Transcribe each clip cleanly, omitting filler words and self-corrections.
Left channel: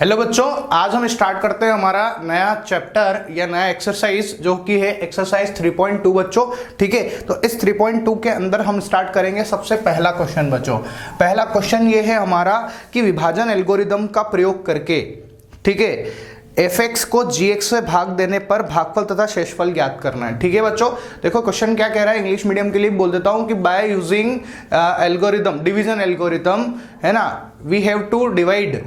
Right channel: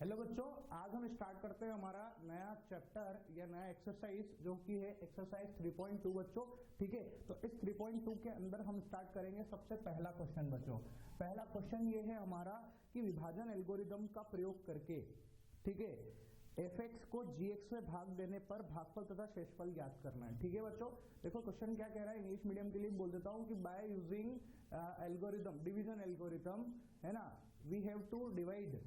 Hello बच्चों, आज हम स्टार्ट करते हैं हमारा नया चैप्टर या नया एक्सरसाइज जो कि है एक्सरसाइज 3.2 बच्चों। ठीक है, तो इस 3.2 के अंदर हम स्टार्ट करेंगे सबसे पहला क्वेश्चन बच्चों। पहला क्वेश्चन ये है हमारा कि विभाजन एल्गोरिदम का प्रयोग करके, ठीक है, fx को gx से भाग देने पर भागफल तथा शेषफल ज्ञात करना है। ठीक है बच्चों, देखो क्वेश्चन क्या कह रहा है, इंग्लिश मीडियम के लिए बोल देता हूं कि by using algorithm, division algorithm, है ना, we have to divide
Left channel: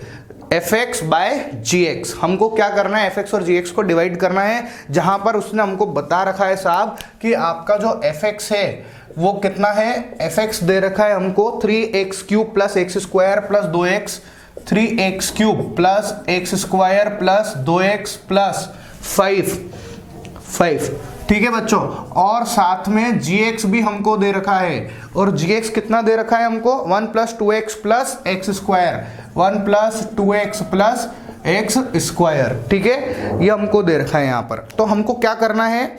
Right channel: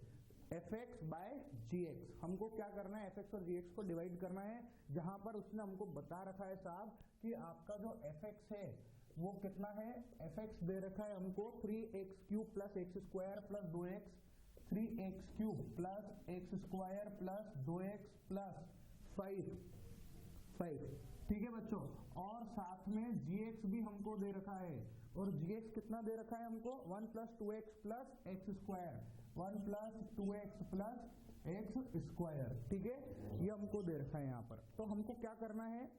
fx by gx। हमको क्या करना है, fx और gx को डिवाइड करना है, जहां पर उसने हमको बता रखा है साहब कि आपका जो fx है वो कितना है। fx दे रखा है हमको 3x cube plus x square plus 2x, 3x cube plus x square plus 2x plus 5। ठीक है बच्चों, और साथ में gx भी हमको दे रखा है, और gx कितना दे रखा है हमको 1 plus 2x plus x square, 1 plus 2x plus x square. ठीक है, ये हमको दे रखा है यहाँ पर। तो हमको क्या करना है,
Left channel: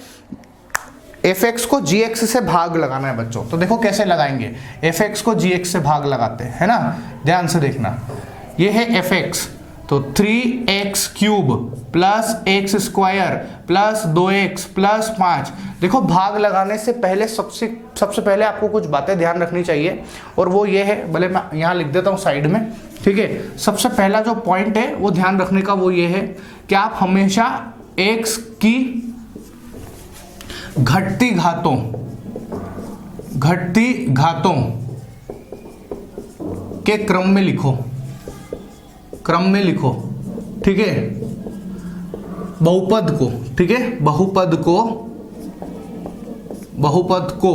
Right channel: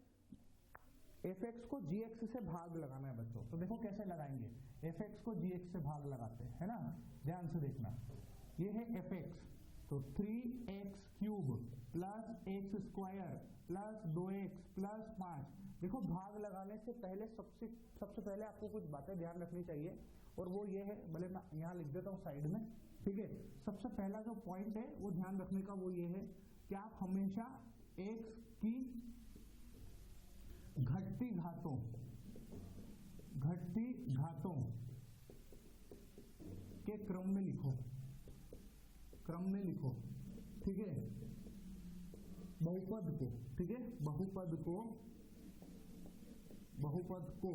fx को gx से भाग लगाना है बच्चों। तो देखो कैसे लगाएंगे, fx को gx से भाग लगाते हैं, है ना, ध्यान से देखना। ये है fx, तो 3x cube plus x square plus 2x plus 5। देखो भाग लगाने से पहले सबसे पहले आपको कुछ बातें ध्यान रखनी चाहिए, और वो ये है, भले मैं यहाँ लिख देता हूँ साइड में। ठीक है, सबसे पहला जो पॉइंट है वो ध्यान रखने का वो ये है कि आप हमेशा x की घटती घातों के क्रम में लिखो, ठीक है, बहुपद को, ठीक है, बहुपद को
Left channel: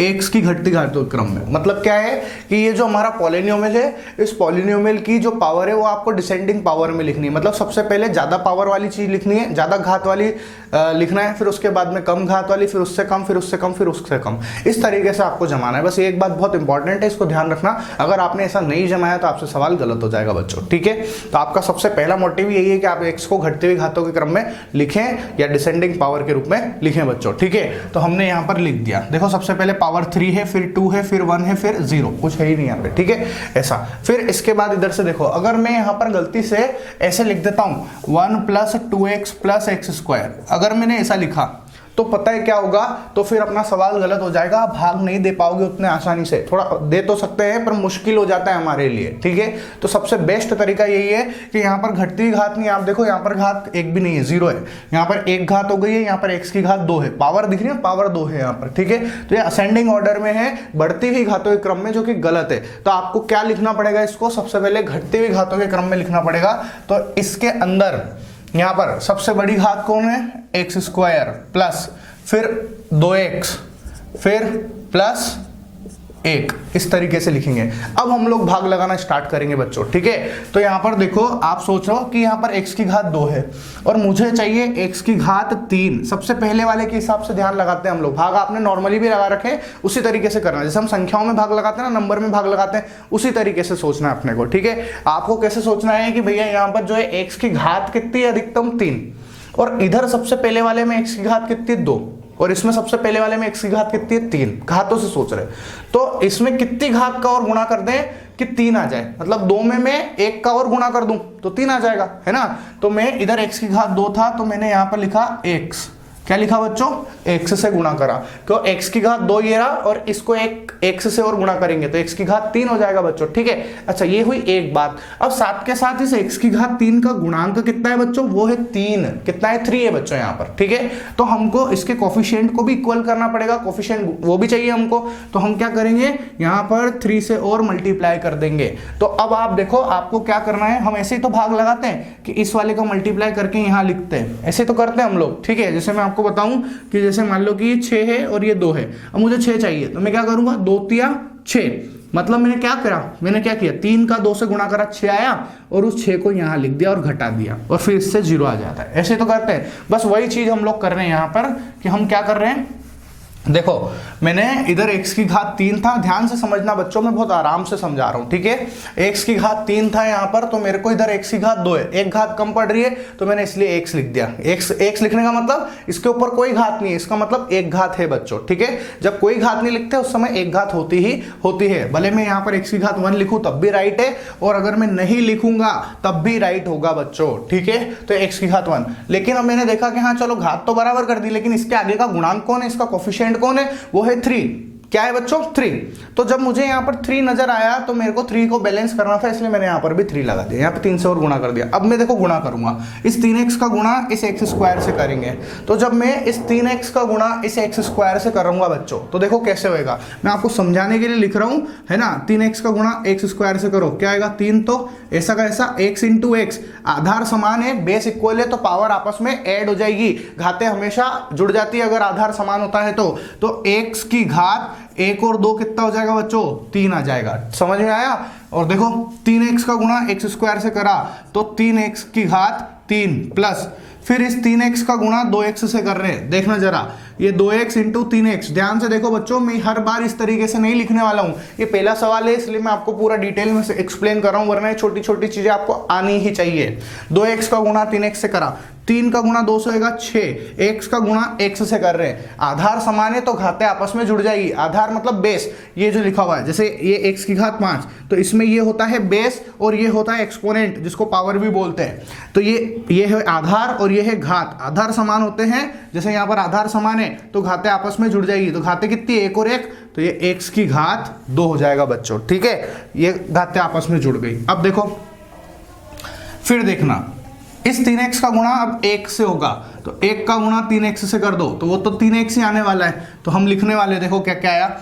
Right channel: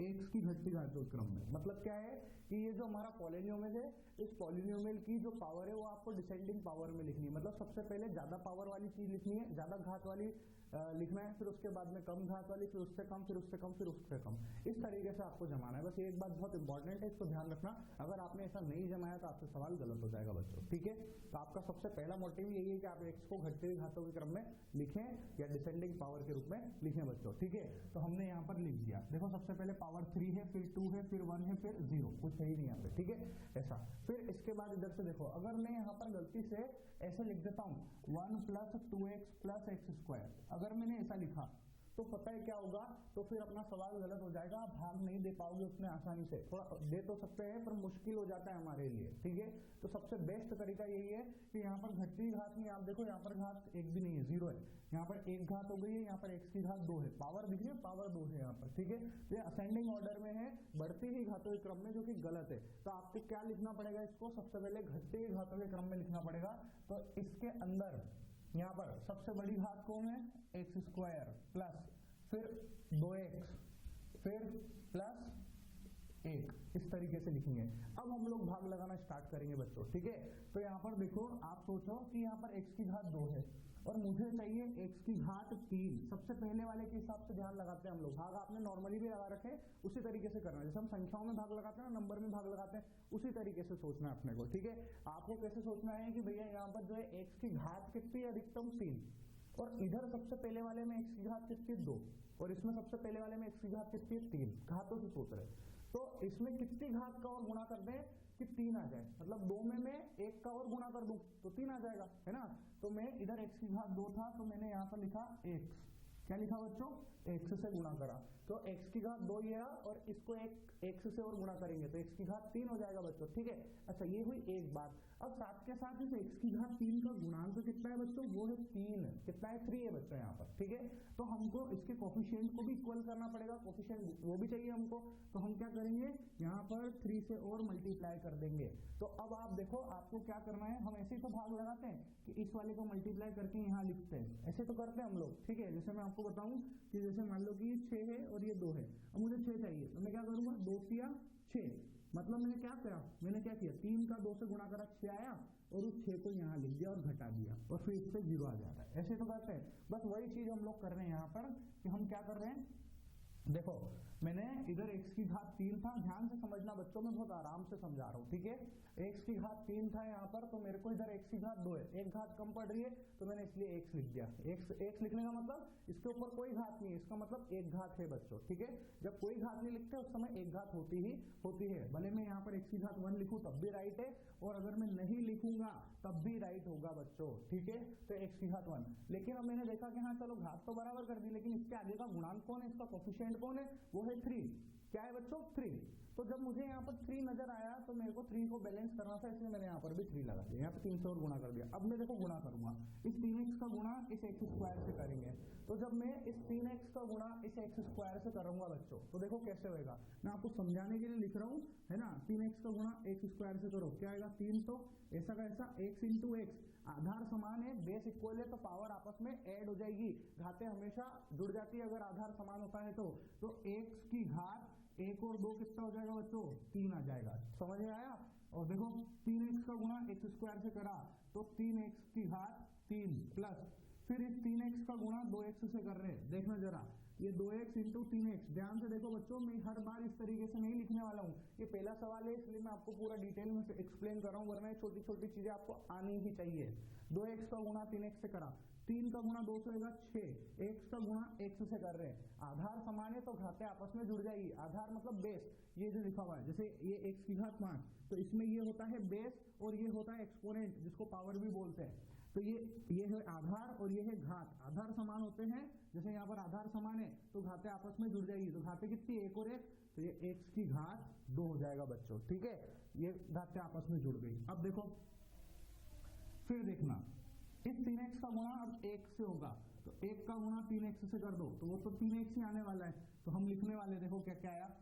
x की घटती घातों के क्रम में। मतलब क्या है कि ये जो हमारा पॉलिनोमियल है, इस पॉलिनोमियल की जो पावर है वो आपको डिसेंडिंग पावर में लिखनी है। मतलब सबसे पहले ज्यादा पावर वाली चीज लिखनी है, ज्यादा घात वाली लिखना है, फिर उसके बाद में कम घात वाली, फिर उससे कम, फिर उससे कम, फिर उससे कम। इस तरीके से आपको जमाना है। बस एक बात बहुत इंपॉर्टेंट है, इसको ध्यान रखना। अगर आपने ऐसा नहीं जमाया तो आपसे सवाल गलत हो जाएगा बच्चों। ठीक है, तो आपका सबसे पहला मोटिव यही है कि आप x को घटती हुई घातों के क्रम में लिखें या डिसेंडिंग पावर के रूप में लिखें बच्चों। ठीक है, तो हमने यहाँ पर लिख दिया। देखो सबसे पहले पावर 3 है, फिर 2 है, फिर 1 है, फिर 0, कुछ है ही नहीं यहाँ पे। ठीक है, ऐसा। फिर इसके बाद इधर से देखो, अगर मैं यहाँ पर गलती से ऐसे लिख देता हूं 1 plus 2x plus x square, अगर मैंने ऐसा लिखा तो पता है क्या होगा, तो फिर अपना सवाल गलत हो जाएगा। आप भाग नहीं दे पाओगे उतने आसानी से। थोड़ा दे तो सकते हैं पर मुश्किल हो जाता है हमारे लिए। ठीक है, तो सबसे बेस्ट तरीका यही है कि यहाँ पर घटती हुई घात नहीं, आप देखो यहाँ पर घात एक भी नहीं है, 0 है। यहाँ पर एक घात हो गई है, यहाँ पर x की घात 2 है, पावर दिख रही है, पावर 2 है यहाँ पर। ठीक है, तो ये असेंडिंग ऑर्डर में है, बढ़ती हुई घातों के क्रम में, जो कि गलत है। तो आपको क्या लिखना पड़ेगा, इसको सबसे पहले घटती हुई घातों के क्रम में लिखना पड़ेगा। तो इसके अंदर यहाँ पर सबसे बड़ी घात कौन है, एक्स स्क्वायर प्लस फिर 2x फिर प्लस 1, इस तरीके से लिखेंगे। अब हम लोग भाग लगाना स्टार्ट करेंगे बच्चों। ठीक है, तो यहाँ पर देखो, आप सोच रहे हो कि यहाँ पर x की घात 2 है और मुझे चाहिए x की घात 3। सबसे पहले वाले के हिसाब से ध्यान लगाते हैं हम लोग। भाग आपने नॉर्मली भी लगा रखे, उसी तरीके से करना है। जैसे हम संख्याओं में भाग लगाते हैं ना, नंबर में भाग लगाते हैं, उसी तरीके से सोचना है अपने को। ठीक है, आपको कैसे सोचना है कि भैया यहाँ पर जो है x की घात कितनी है, अधिकतम 3, और इधर सबसे पहले वाले में x की घात कितनी 2, और इसमें सबसे पहले वाले में x की घात कितनी है 3। घातों से सोच रहे, तो इसमें कितनी घात का और गुणा कर दें कि 3 आ जाए। मतलब 2 में मैं 1 का और गुणा कर दूं तो 3 आ जाएगा, है ना। तो मैं इधर x की घात 2 था, तो मैंने यहां पर लिखा x। क्या लिखा बच्चों, x से गुणा करा, क्यों, x की घात 2 ये रहा, और इसको एक x से और गुणा करेंगे तो x की घात 3 हो जाएगा बच्चों। ठीक है, अच्छा, ये हुई एक बात। अब साथ के साथ इस x की घात 3 का गुणांक कितना है बच्चों, वो है 3। कितना है, 3 है बच्चों यहाँ पर। ठीक है, तो हमको इसके कोफिशिएंट को भी इक्वल करना पड़ेगा, कोफिशिएंट वो भी चाहिए हमको। तो हम क्या करेंगे, यहाँ पर 3 से और मल्टीप्लाई कर देंगे। तो अब आप देखो, आपको क्या करना है, हम ऐसे ही तो भाग लगाते हैं कि इस वाले का मल्टीप्लाई करके यहाँ लिखते हैं, ऐसे तो करते हैं हम लोग। ठीक है, जैसे मैं आपको बताऊं कि जैसे मान लो कि ये 6 है और ये 2 है, अब मुझे 6 चाहिए, तो मैं क्या करूंगा, 2 तिया 6। मतलब मैंने क्या किया, 3 का 2 से गुणा करा, 6 आया, और उस 6 को यहां लिख दिया और घटा दिया, और फिर इससे 0 आ जाता है। ऐसे तो करते हैं। बस वही चीज हम लोग कर रहे हैं यहाँ पर, कि हम क्या कर रहे हैं, देखो मैंने इधर x की घात 3 था, ध्यान से समझना बच्चों, मैं बहुत आराम से समझा रहा हूं, ठीक है। x की घात 3 था यहाँ पर, तो मेरे को इधर x की घात 2 है, एक घात कम पड़ रही है तो मैंने इसलिए x लिख दिया। x लिखने का मतलब इसके ऊपर कोई घात नहीं है, इसका मतलब एक घात है बच्चों, ठीक है। जब कोई घात नहीं लिखते उस समय एक घात होती है। भले मैं यहाँ पर x की घात 1 लिखूं तब भी राइट है, और अगर मैं नहीं लिखूंगा तब भी राइट होगा बच्चों, ठीक है। तो x की घात 1, लेकिन अब मैंने देखा कि हाँ चलो घात तो बराबर कर दी, लेकिन इसके आगे का गुणांक कौन है, इसका कोफिशिएंट कौन है, वो है 3। क्या है बच्चों, 3। तो जब मुझे यहाँ पर 3 नजर आया तो मेरे को 3 को बैलेंस करना था, इसलिए मैंने यहाँ पर भी 3 लगा दिया, यहाँ पे 3 से और गुणा कर दिया। अब मैं देखो गुणा करूंगा, इस 3x का गुणा इस x स्क्वायर से करेंगे। तो जब मैं इस 3x का गुणा इस x स्क्वायर से करूंगा बच्चों, तो देखो कैसे होएगा, मैं आपको समझाने के लिए लिख रहा हूं, है ना। 3x का गुणा x स्क्वायर से करो, क्या आएगा 3, तो ऐसा का ऐसा x इंटू एक्स, आधार समान है, बेस इक्वल है, तो पावर आपस में ऐड हो जाएगी। घातें हमेशा जुड़ जाती है अगर आधार समान होता है तो x की घात 1 और 2 कितना हो जाएगा बच्चों, 3 आ जाएगा। समझ में आया। और देखो 3x का गुणा x स्क्वायर से करा तो 3x की घात 3 प्लस, फिर इस 3x का गुणा 2x से कर रहे हैं, देखना जरा, ये 2x इंटू 3x। ध्यान से देखो बच्चों, मैं हर बार इस तरीके से नहीं लिखने वाला हूं, ये पहला सवाल है इसलिए मैं आपको पूरा डिटेल में से एक्सप्लेन कर रहा हूं, वरना ये छोटी छोटी चीजें आपको आनी ही चाहिए। 2x का गुणा 3x से करा, 3 का गुणा 2 से होगा 6, x का गुणा x से कर रहे हैं, आधार समान है तो घातें आपस में जुड़ जाएगी। आधार मतलब बेस, ये जो लिखा हुआ है, जैसे ये x की घात 5, तो इसमें ये होता है बेस और ये होता है एक्सपोनेंट, जिसको पावर भी बोलते हैं। तो ये है आधार और ये है घात, आधार समान होते हैं, जैसे यहाँ पर आधार समान है तो घातें आपस में जुड़ जाएगी। तो घातें कितनी, 1 और 1, तो ये x की घात 2 हो जाएगा बच्चों, ठीक है। ये घातें आपस में जुड़ गई। अब देखो फिर देखना, इस 3x का गुणा अब 1 से होगा, तो 1 का गुणा 3x से कर दो, तो वो तो 3x ही आने वाला है, तो हम लिखने वाले, देखो क्या क्या आया,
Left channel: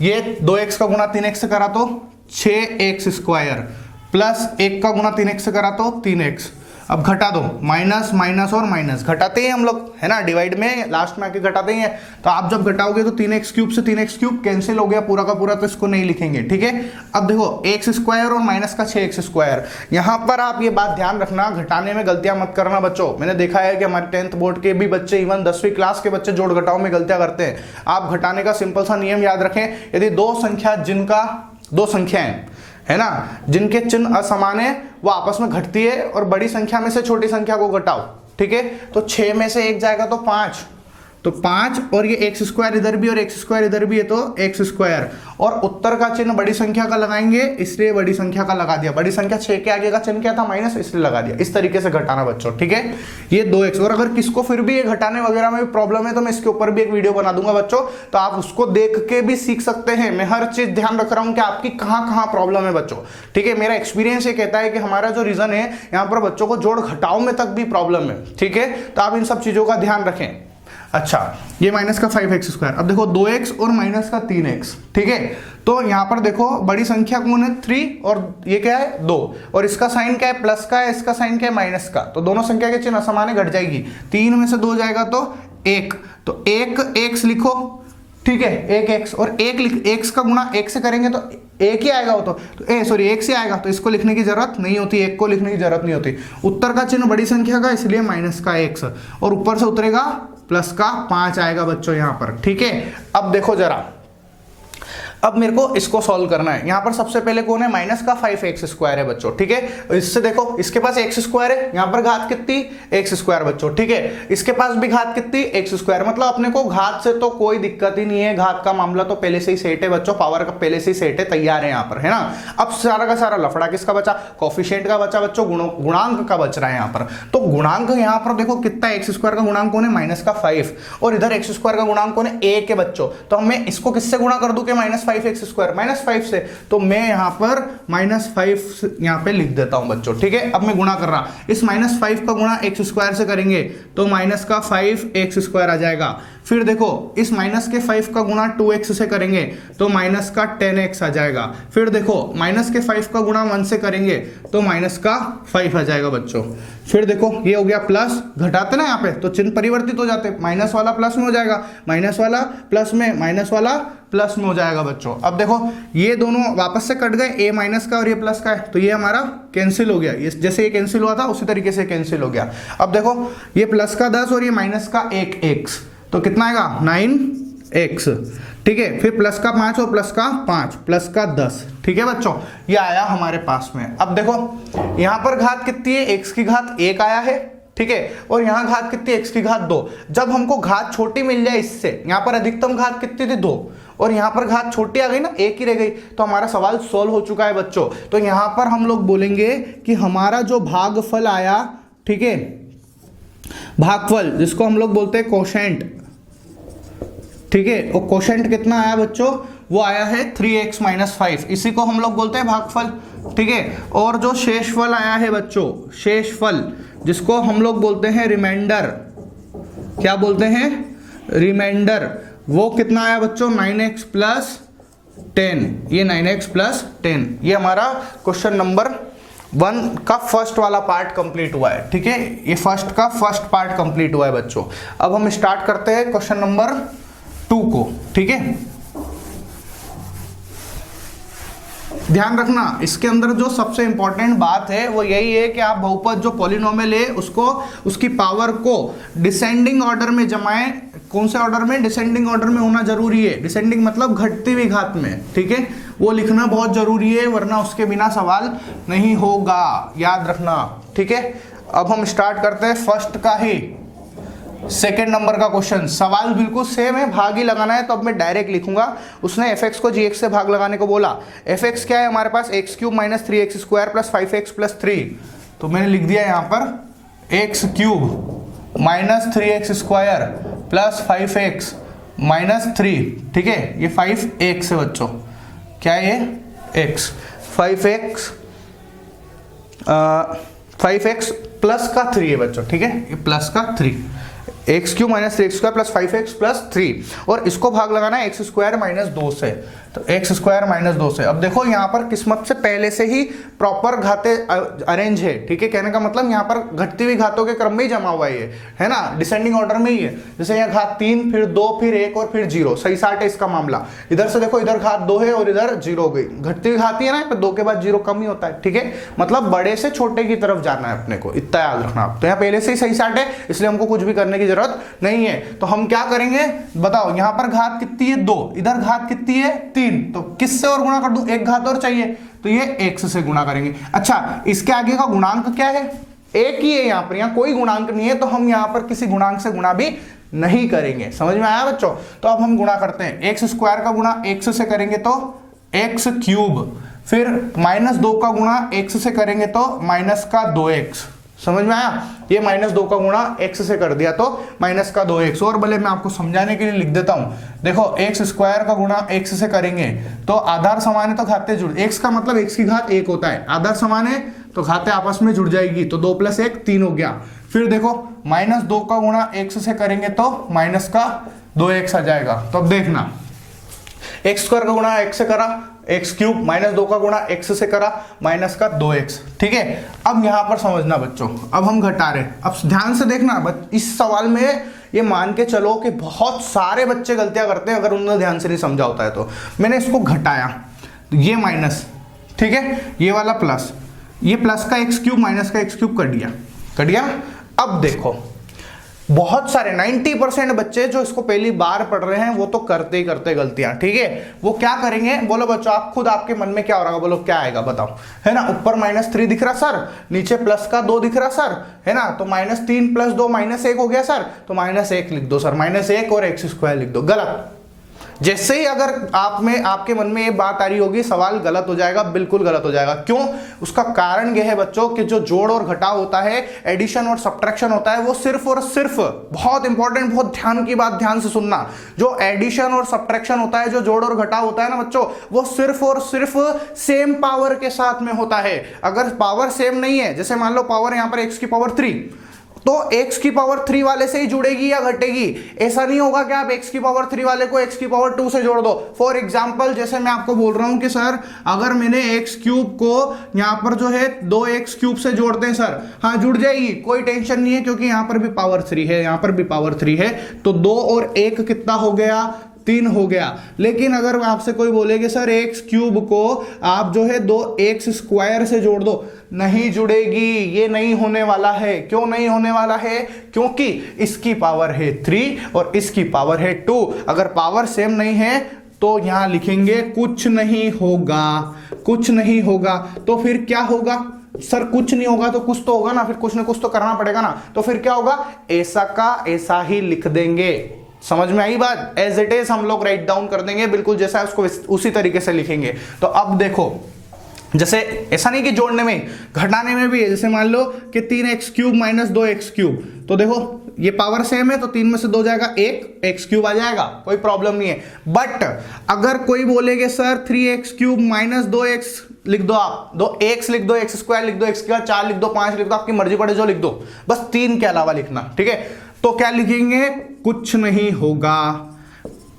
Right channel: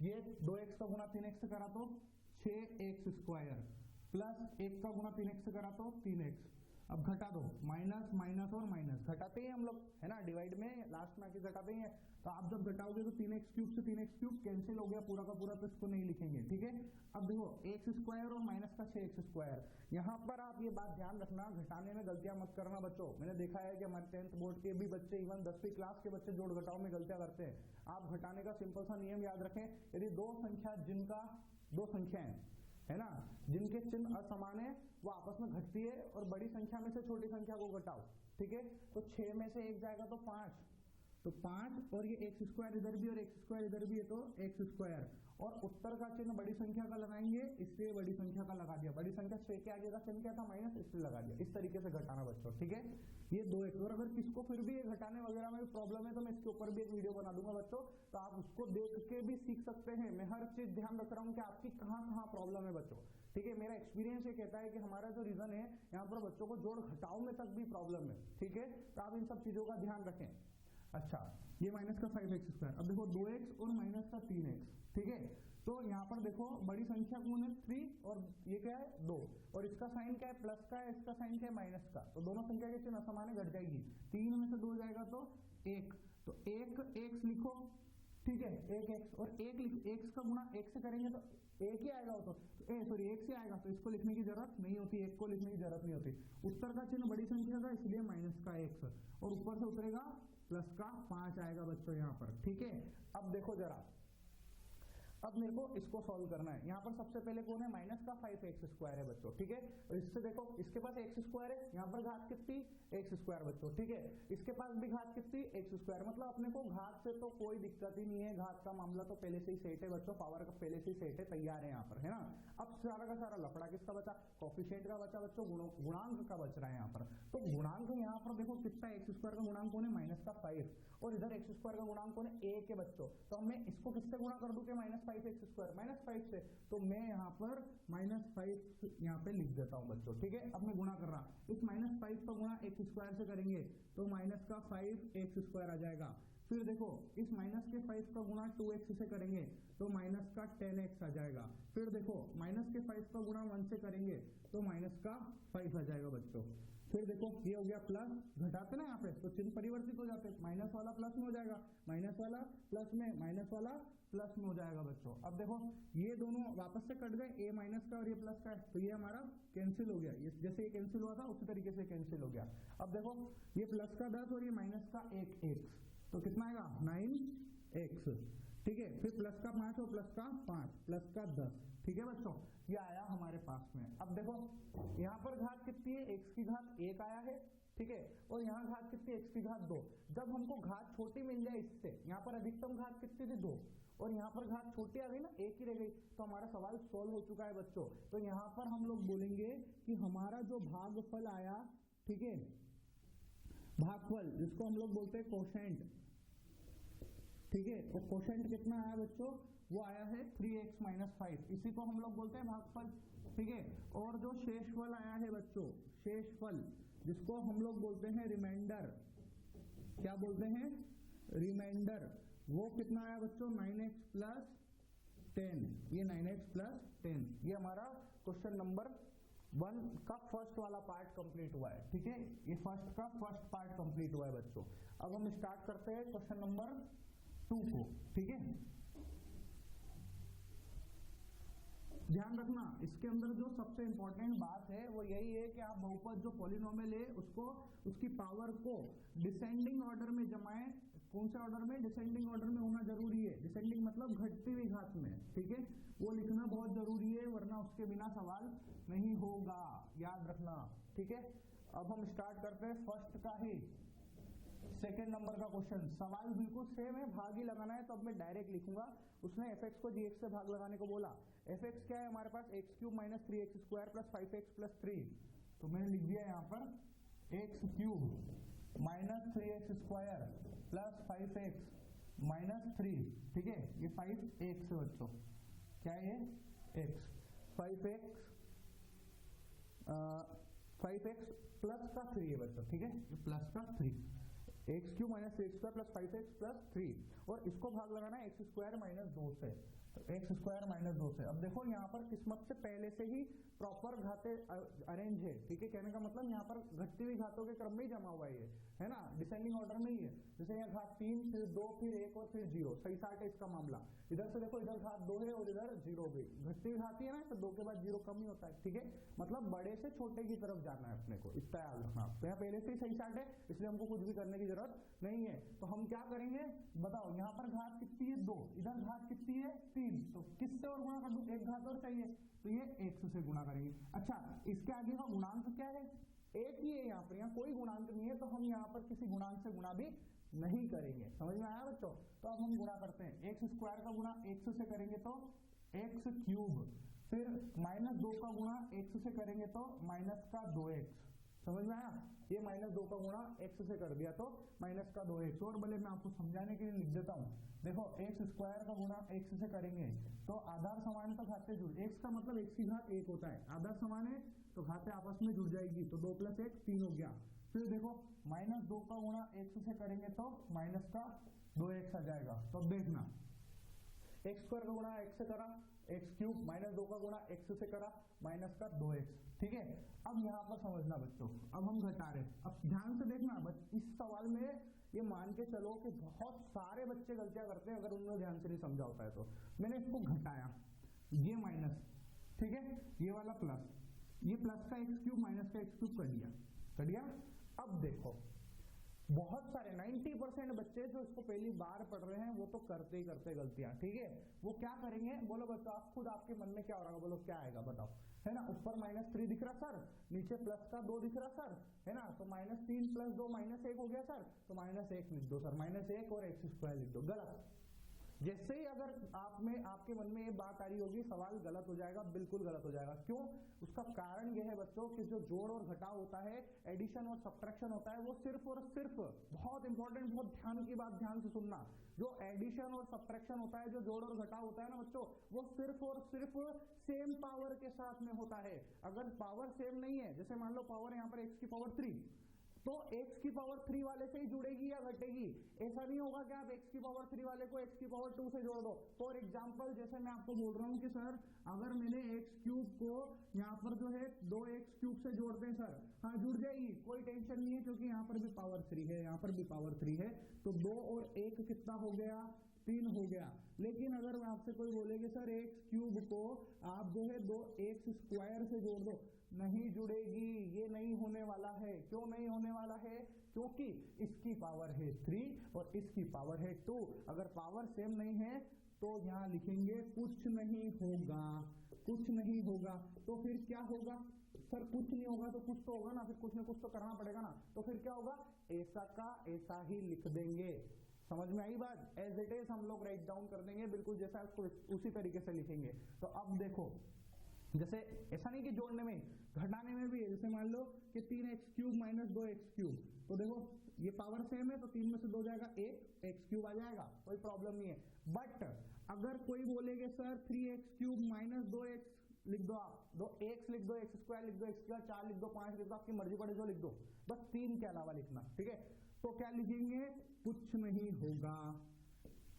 ये 2x का गुणा 3x से करा तो 6x स्क्वायर प्लस 1 का गुणा 3x से करा तो 3x। अब घटा दो, माइनस माइनस और माइनस घटाते हैं हम लोग, है ना, डिवाइड में लास्ट में आके घटाते हैं। तो आप जब घटाओगे तो 3x क्यूब से 3x क्यूब कैंसिल हो गया पूरा का पूरा, तो इसको नहीं लिखेंगे, ठीक है। अब देखो x स्क्वायर और माइनस का 6x स्क्वायर, यहां पर आप ये बात ध्यान रखना, घटाने में गलतियां मत करना बच्चों। मैंने देखा है कि हमारे 10th बोर्ड के भी बच्चे, इवन 10वीं क्लास के बच्चे जोड़ घटाओ में गलतियां करते हैं। आप घटाने का सिंपल सा नियम याद रखें, यदि दो संख्याएं है ना, जिनके चिन्ह असमान है वो आपस में घटती है, और बड़ी संख्या में से छोटी संख्या को घटाओ, ठीक है। तो 6 में से 1 जाएगा तो 5, तो 5, और ये x स्क्वायर इधर भी और x स्क्वायर इधर भी है तो x स्क्वायर, और उत्तर का चिन्ह बड़ी संख्या का लगाएंगे, इसलिए बड़ी संख्या का लगा दिया। बड़ी संख्या 6 के आगे का चिन्ह क्या था, माइनस, इसलिए लगा दिया। इस तरीके से घटाना बच्चों, ठीक है। ये 2x, और अगर किसको फिर भी ये घटाने वगैरह में भी प्रॉब्लम है तो मैं इसके ऊपर भी एक वीडियो बना दूंगा बच्चों, तो आप उसको देख के भी सीख सकते हैं। मैं हर चीज ध्यान रख रहा हूं कि आपकी कहां कहां प्रॉब्लम है बच्चों, ठीक है। मेरा एक्सपीरियंस ये कहता है कि हमारा जो रीजन है यहाँ पर बच्चों को जोड़ घटाओ में तक भी प्रॉब्लम है, ठीक है। तो आप इन सब चीजों का ध्यान रखें। अच्छा, ये माइनस का 5x स्क्वायर, अब देखो 2x और माइनस का 3x, ठीक है। तो यहां पर देखो बड़ी संख्या कौन है, 3, और ये क्या है 2, और इसका साइन क्या है, प्लस का है, इसका साइन क्या है, माइनस का, तो दोनों संख्या के चिन्ह असमान है, घट जाएगी। 3 में से 2 जाएगा तो 1, तो 1x लिखो, ठीक है, 1x, और 1 x का गुणा 1 से करेंगे तो 1 ही आएगा, वो तो 1 से आएगा, तो इसको लिखने की जरूरत नहीं होती, 1 को लिखने की जरूरत नहीं होती। उत्तर का चिन्ह बड़ी संख्या का, इसलिए माइनस का x, और ऊपर से उतरेगा प्लस का 5 आएगा बच्चों यहाँ पर, ठीक है। अब देखो जरा, अब मेरे को इसको सॉल्व करना है। यहाँ पर सबसे पहले कौन है, माइनस का 5x स्क्वायर है बच्चों, ठीक है। इससे देखो इसके पास x स्क्वायर है, यहाँ पर घात कितनी, x स्क्वायर बच्चों, ठीक है। इसके पास भी घात कितनी, x स्क्वायर, मतलब अपने को घात से तो कोई दिक्कत ही नहीं है, घात का मामला तो पहले से ही सेट है बच्चों, पावर का पहले से ही सेट है, तैयार है यहाँ पर, है ना। अब सारा का सारा लफड़ा किसका बचा, कोफिशिएंट का बचा बच्चों, गुणांक का बच रहा है यहाँ पर। तो गुणांक यहाँ पर देखो कितना, x स्क्वायर का गुणांक कौन है, माइनस का 5, और इधर x स्क्वायर का गुणांक कौन है, 1 है बच्चों। तो मैं इसको किससे गुणा कर दूं कि माइनस 5x स्क्वायर, माइनस 5 से, तो मैं यहां पर माइनस 5 यहां पे लिख देता हूं बच्चों, ठीक है। अब मैं गुणा कर रहा, इस माइनस 5 का गुणा x स्क्वायर से करेंगे तो माइनस का 5x स्क्वायर आ जाएगा। फिर देखो इस माइनस के 5 का गुणा 2x से करेंगे तो माइनस का 10x आ जाएगा। फिर देखो माइनस के 5 का गुणा 1 से करेंगे तो माइनस का 5 आ जाएगा बच्चों। फिर देखो ये हो गया प्लस, घटाते ना यहाँ पे तो चिन्ह परिवर्तित हो जाते, माइनस वाला प्लस में हो जाएगा, माइनस वाला प्लस में, माइनस वाला प्लस में हो जाएगा बच्चों। अब देखो ये दोनों वापस से कट गए, ए माइनस का और ये प्लस का है, तो ये हमारा कैंसिल हो गया, ये जैसे ये कैंसिल हुआ था उसी तरीके से कैंसिल हो गया। अब देखो ये प्लस का 10 और ये माइनस का 1x, तो कितना आएगा 9 एक्स, ठीक है, फिर प्लस का 5 और प्लस का 5 प्लस का 10, ठीक है बच्चों, ये आया हमारे पास में। अब देखो यहां पर घात कितनी है, x की घात 1 आया है, ठीक है, और यहां घात कितनी है, x की घात 2। जब हमको घात छोटी मिल जाए इससे, यहां पर अधिकतम घात कितनी थी 2 और यहां पर घात छोटी आ गई ना, 1 ही रह गई, तो हमारा सवाल सोल्व हो चुका है बच्चों। तो यहां पर हम लोग बोलेंगे कि हमारा जो भागफल आया, ठीक है, भागफल जिसको हम लोग बोलते हैं कोशेंट, ठीक है, और कोशेंट कितना आया बच्चों, वो आया है 3x - 5, इसी को हम लोग बोलते हैं भागफल, ठीक है। और जो शेषफल आया है बच्चों, शेषफल जिसको हम लोग बोलते हैं रिमाइंडर, क्या बोलते हैं, रिमाइंडर, वो कितना आया बच्चों 9x + 10, ये 9x + 10। ये हमारा क्वेश्चन नंबर 1 का फर्स्ट वाला पार्ट कंप्लीट हुआ है, ठीक है, ये फर्स्ट का फर्स्ट पार्ट कंप्लीट हुआ है बच्चों। अब हम स्टार्ट करते हैं क्वेश्चन नंबर 2 को, ठीक है। ध्यान रखना इसके अंदर जो सबसे इंपॉर्टेंट बात है वो यही है कि आप बहुपद जो पॉलिनोमियल है उसको, उसकी पावर को डिसेंडिंग ऑर्डर में जमाएं। कौन से ऑर्डर में, डिसेंडिंग ऑर्डर में होना जरूरी है, डिसेंडिंग मतलब घटती हुई घात में, ठीक है, वो लिखना बहुत जरूरी है, वरना उसके बिना सवाल नहीं होगा, याद रखना, ठीक है। अब हम स्टार्ट करते हैं फर्स्ट का ही सेकेंड नंबर का क्वेश्चन। सवाल बिल्कुल सेम है, भाग ही लगाना है, तो अब मैं डायरेक्ट लिखूंगा। उसने fx को gx से भाग लगाने को बोला। fx क्या है हमारे पास, x³ - 3x² + 5x + 3, तो मैंने लिख दिया यहाँ पर x³ - 3x² + 5x - 3, ठीक है, ये 5x है बच्चों, क्या है ये x, 5x प्लस का 3 है बच्चों, ठीक है, ये प्लस का 3, x³ - 3x² + 5x + 3, और इसको भाग लगाना है x² - 2 से, तो x² - 2 से। अब देखो यहाँ पर किस्मत से पहले से ही प्रॉपर घाते अरेंज है, ठीक है, कहने का मतलब यहाँ पर घटती हुई घातों के क्रम में ही जमा हुआ है ना, डिसेंडिंग ऑर्डर में ही है। जैसे यहाँ घात 3, फिर 2, फिर 1 और फिर 0, सही साठ है इसका मामला। इधर से देखो, इधर घात 2 है और इधर 0 हो गई, घटती हुई घात ही है ना, फिर 2 के बाद 0 कम ही होता है, ठीक है, मतलब बड़े से छोटे की तरफ जाना है अपने को, इतना याद रखना। तो यहाँ पहले से ही सही साठ है, इसलिए हमको कुछ भी करने की जरूरत नहीं है। तो हम क्या करेंगे बताओ, यहाँ पर घात कितनी है 2, इधर घात कितनी है 3, तो किससे और गुणा कर दूं, एक घात और चाहिए, तो ये x से गुणा करेंगे। अच्छा, इसके आगे का गुणांक क्या है, एक ही है यहाँ पर, यहाँ कोई गुणांक नहीं है, तो हम यहाँ पर किसी गुणांक से गुणा भी नहीं करेंगे। समझ में आया बच्चों? तो अब हम गुणा करते हैं, x² का गुणा x से करेंगे तो x³, फिर -2 का गुणा x से करेंगे तो -2x। समझ में आया? ये -2 का गुणा x से कर दिया तो -2x। और भले मैं आपको समझाने के लिए लिख देता हूं, देखो x² का गुणा x से करेंगे तो आधार समान है तो घाते जुड़, x का मतलब x की घात 1 होता है, आधार समान है तो घाते आपस में जुड़ जाएगी, तो 2 + 1 3 हो गया। फिर देखो -2 का गुणा x से करेंगे तो -2x आ जाएगा। तो अब देखना, x² का गुणा x से करा x³, -2 का गुणा x से करा -2x, ठीक है। अब यहां पर समझना बच्चों, अब हम घटा रहे, अब ध्यान से देखना, इस सवाल में ये मान के चलो कि बहुत सारे बच्चे गलतियां करते हैं अगर उन्होंने ध्यान से नहीं समझा होता है। तो मैंने इसको घटाया, तो ये माइनस, ठीक है, ये वाला प्लस, ये प्लस का x³ माइनस का x³ कर दिया। अब देखो बहुत सारे 90% बच्चे जो इसको पहली बार पढ़ रहे हैं वो तो करते ही करते गलतियां, ठीक है। वो क्या करेंगे, बोलो बच्चों, आप खुद आपके मन में क्या हो रहा है, बोलो क्या आएगा बताओ, है ना। ऊपर -3 दिख रहा सर, नीचे प्लस का 2 दिख रहा सर, है ना, तो -3 + 2 -1 हो गया सर, तो -1 लिख दो सर, -1 और x² लिख दो। गलत। जैसे ही अगर आपके मन में ये बात आ रही होगी, सवाल गलत हो जाएगा, बिल्कुल गलत हो जाएगा। क्यों? उसका कारण यह है बच्चों कि जो जोड़ और घटाव होता है, एडिशन और सब्ट्रैक्शन होता है, वो सिर्फ और सिर्फ, बहुत इंपॉर्टेंट, बहुत ध्यान की बात ध्यान से सुनना, जो एडिशन और सब्ट्रैक्शन होता है, जो जोड़ और घटाव होता है ना बच्चों, वो सिर्फ और सिर्फ सेम पावर के साथ में होता है। अगर पावर सेम नहीं है, जैसे मान लो पावर यहाँ पर x⁻3, तो x⁻3 वाले से ही जुड़ेगी या घटेगी। ऐसा नहीं होगा कि आप x⁻3 वाले को x⁻2 से जोड़ दो। फॉर एग्जांपल, जैसे मैं आपको बोल रहा हूं कि सर अगर मैंने x³ को यहां पर जो है 2x³ से जोड़ते हैं सर, हाँ जुड़ जाएगी, कोई टेंशन नहीं है, क्योंकि यहां पर भी पावर 3 है, यहां पर भी पावर 3 है, तो 2 और 1 कितना हो गया, 3 हो गया। लेकिन अगर आपसे कोई बोले कि सर x³ को आप जो है 2x² से जोड़ दो, नहीं जुड़ेगी, ये नहीं होने वाला है। क्यों नहीं होने वाला है? क्योंकि इसकी पावर है 3 और इसकी पावर है 2। अगर पावर सेम नहीं है तो यहां लिखेंगे कुछ नहीं होगा, कुछ नहीं होगा। तो फिर क्या होगा सर? कुछ नहीं होगा तो कुछ तो होगा ना, फिर कुछ ना कुछ तो करना पड़ेगा ना। तो फिर क्या होगा? ऐसा का ऐसा ही लिख देंगे। समझ में आई बात? एज इट इज हम लोग राइट डाउन कर देंगे, बिल्कुल जैसा है उसको उसी तरीके से लिखेंगे। तो अब देखो, जैसे ऐसा नहीं कि जोड़ने में, घटाने में भी है। जैसे मान लो कि 3x³ माइनस 2x³, तो देखो ये पावर सेम है तो 3 में से 2 जाएगा, 1 x³ आ जाएगा, कोई प्रॉब्लम नहीं है। बट अगर कोई बोलेगे सर 3x³ माइनस 2x लिख दो, आप 2x लिख दो, x² लिख दो, x के बाद 4 लिख दो, 5 लिख दो, आपकी मर्जी पड़े जो लिख दो, बस 3 के अलावा लिखना, ठीक है। तो क्या लिखेंगे? कुछ नहीं होगा,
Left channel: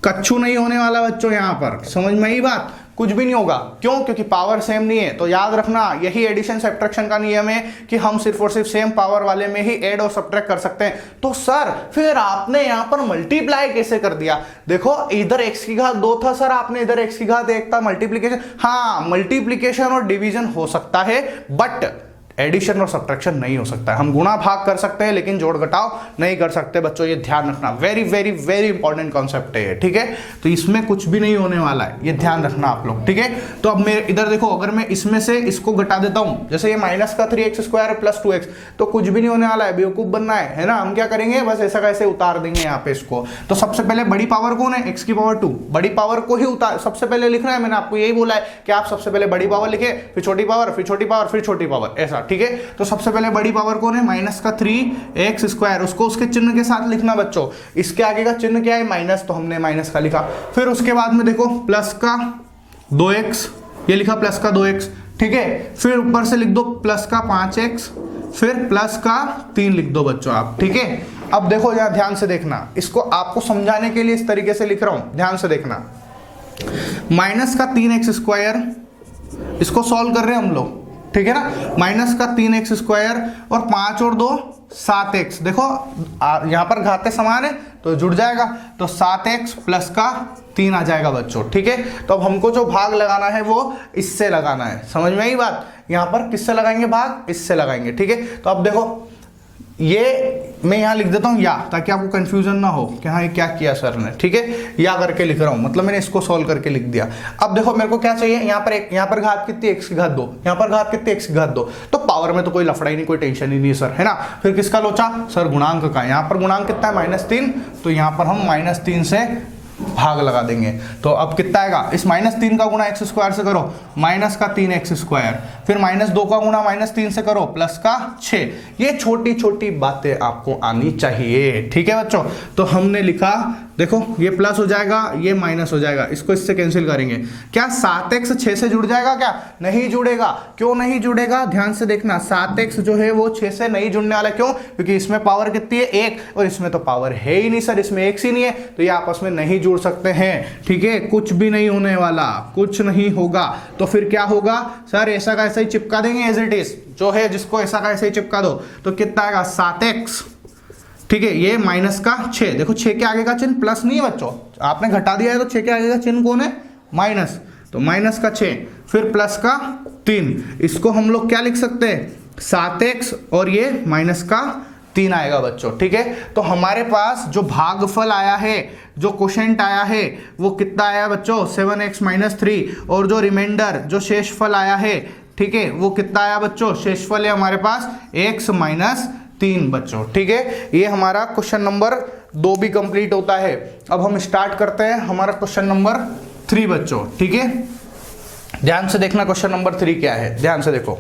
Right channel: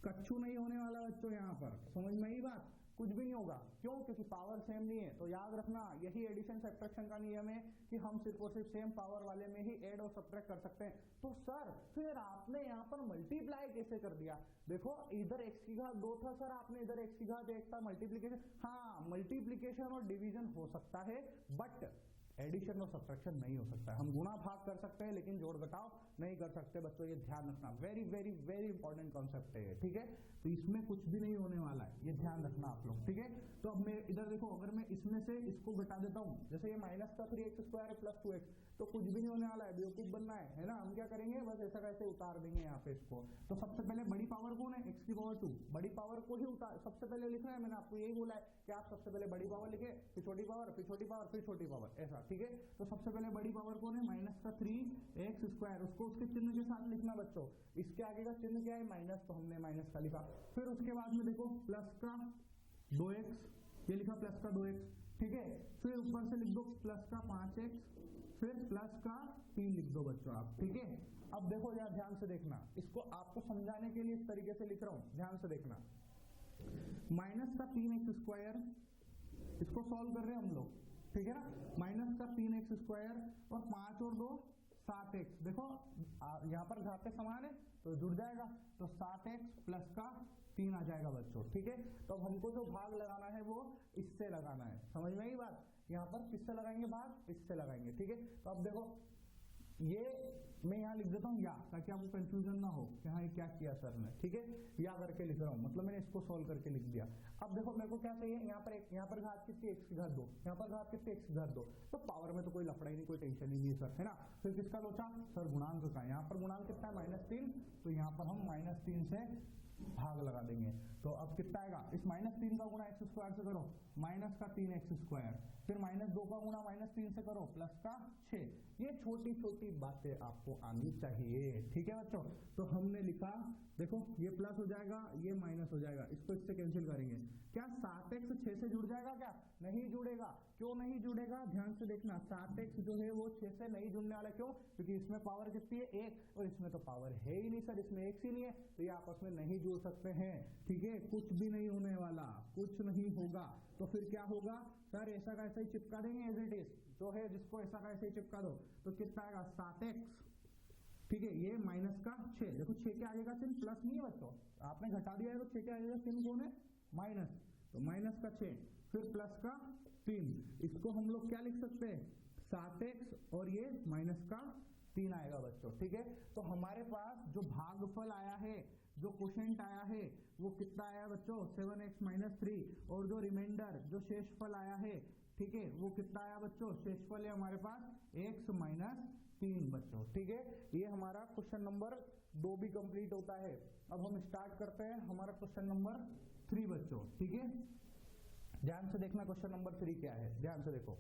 कच्छू नहीं होने वाला बच्चों। यहां पर समझ में आई बात? कुछ भी नहीं होगा। क्यों? क्योंकि पावर सेम नहीं है। तो याद रखना, यही एडिशन सब्ट्रैक्शन का नियम है कि हम सिर्फ और सिर्फ सेम पावर वाले में ही ऐड और सब्ट्रैक्ट कर सकते हैं। तो सर फिर आपने यहां पर मल्टीप्लाई कैसे कर दिया? देखो इधर x की घात 2 था सर, आपने इधर x की घात 1 था, मल्टीप्लीकेशन। हाँ, मल्टीप्लीकेशन और डिवीजन हो सकता है, बट एडिशन और सब्ट्रैक्शन नहीं हो सकता है। हम गुणा भाग कर सकते हैं लेकिन जोड़ घटाव नहीं कर सकते बच्चों, ये ध्यान रखना। Very very very important concept है, ठीक है। तो इसमें कुछ भी नहीं होने वाला है, ये ध्यान रखना आप लोग, ठीक है। तो अब मेरे इधर देखो, अगर मैं इसमें से इसको घटा देता हूं, जैसे ये माइनस का 3x² प्लस 2x, तो कुछ भी नहीं होने वाला है, बेवकूफ बनना है ना। हम क्या करेंगे? बस ऐसा कैसे उतार देंगे यहाँ पे इसको। तो सबसे पहले बड़ी पावर कौन है? x की पावर 2, बड़ी पावर को ही उतार सबसे पहले लिखना है। मैंने आपको यही बोला है कि आप सबसे पहले बड़ी पावर लिखे, फिर छोटी पावर, फिर छोटी पावर, फिर छोटी पावर, ऐसा, ठीक है। तो सबसे पहले बड़ी पावर कौन है? माइनस का 3x², उसको उसके चिन्ह के साथ लिखना बच्चों। इसके आगे का चिन्ह क्या है? माइनस, तो हमने माइनस का लिखा। फिर उसके बाद में देखो प्लस का 2x, ये लिखा प्लस का 2x, ठीक है। फिर ऊपर से लिख दो प्लस का 5x, फिर प्लस का 3 लिख दो बच्चों आप, ठीक है। अब देखो यहां ध्यान से देखना, इसको आपको समझाने के लिए इस तरीके से लिख रहा हूं, ध्यान से देखना। माइनस का 3x², इसको सॉल्व कर रहे हैं हम लोग, ठीक है ना। माइनस का 3x² और 5 और 2 7x। देखो यहां पर घाते समान है तो जुड़ जाएगा, तो 7x प्लस का 3 आ जाएगा बच्चों, ठीक है। तो अब हमको जो भाग लगाना है वो इससे लगाना है। समझ में आई बात? यहां पर किससे लगाएंगे भाग? इससे लगाएंगे, ठीक है। तो अब देखो ये मैं यहां लिख देता हूं या, ताकि आपको कंफ्यूजन ना हो कि हाँ ये क्या किया सर ने, ठीक है। या करके लिख रहा हूं, मतलब मैंने इसको सॉल्व करके लिख दिया। अब देखो मेरे को क्या चाहिए, यहां पर घात कितनी? x की घात 2, यहां पर घात कितनी? x की घात 2। तो पावर में तो कोई लफड़ा ही नहीं, कोई टेंशन ही नहीं सर, है ना। फिर किसका लोचा? सर गुणांक का। यहां पर गुणांक कितना है? -3, तो यहां पर हम -3 से भाग लगा देंगे। तो अब कितना आएगा? इस -3 का गुणा x² से करो, माइनस का 3x², फिर -2 का गुणा -3 से करो, प्लस का 6। ये छोटी छोटी बातें आपको आनी चाहिए, ठीक है बच्चों। तो हमने लिखा, देखो ये प्लस हो जाएगा, ये माइनस हो जाएगा, इसको इससे कैंसिल करेंगे। क्या 7x 6 से जुड़ जाएगा? क्या नहीं जुड़ेगा। क्यों नहीं जुड़ेगा? ध्यान से देखना, 7x जो है वो 6 से नहीं जुड़ने वाला। क्यों? क्योंकि इसमें पावर कितनी है? 1, और इसमें तो पावर है ही नहीं सर, इसमें x ही नहीं है, तो ये आपस में नहीं जुड़ सकते हैं, ठीक है। कुछ भी नहीं होने वाला, कुछ नहीं होगा। तो फिर क्या होगा सर? ऐसा का ऐसा ही चिपका देंगे, एज इट इज जो है, जिसको ऐसा का ऐसा ही चिपका दो। तो कितना आएगा? 7x, ठीक है। ये माइनस का 6, देखो 6 के आगे का चिन्ह प्लस नहीं है बच्चों, आपने घटा दिया है तो 6 के आगे का चिन्ह कौन है? माइनस, तो माइनस का 6, फिर प्लस का 3। इसको हम लोग क्या लिख सकते हैं? 7x और ये माइनस का 3 आएगा बच्चों, ठीक है। तो हमारे पास जो भागफल आया है, जो क्वोशेंट आया है, वो कितना आया बच्चों? 7x - 3, और जो रिमाइंडर, जो शेषफल आया है, ठीक है, वो कितना आया बच्चों? शेषफल है हमारे पास x - 3 बच्चों, ठीक है। ये हमारा क्वेश्चन नंबर 2 भी कंप्लीट होता है। अब हम स्टार्ट करते हैं हमारा क्वेश्चन नंबर 3 बच्चों, ठीक है। ध्यान से देखना क्वेश्चन नंबर 3 क्या है, ध्यान से देखो।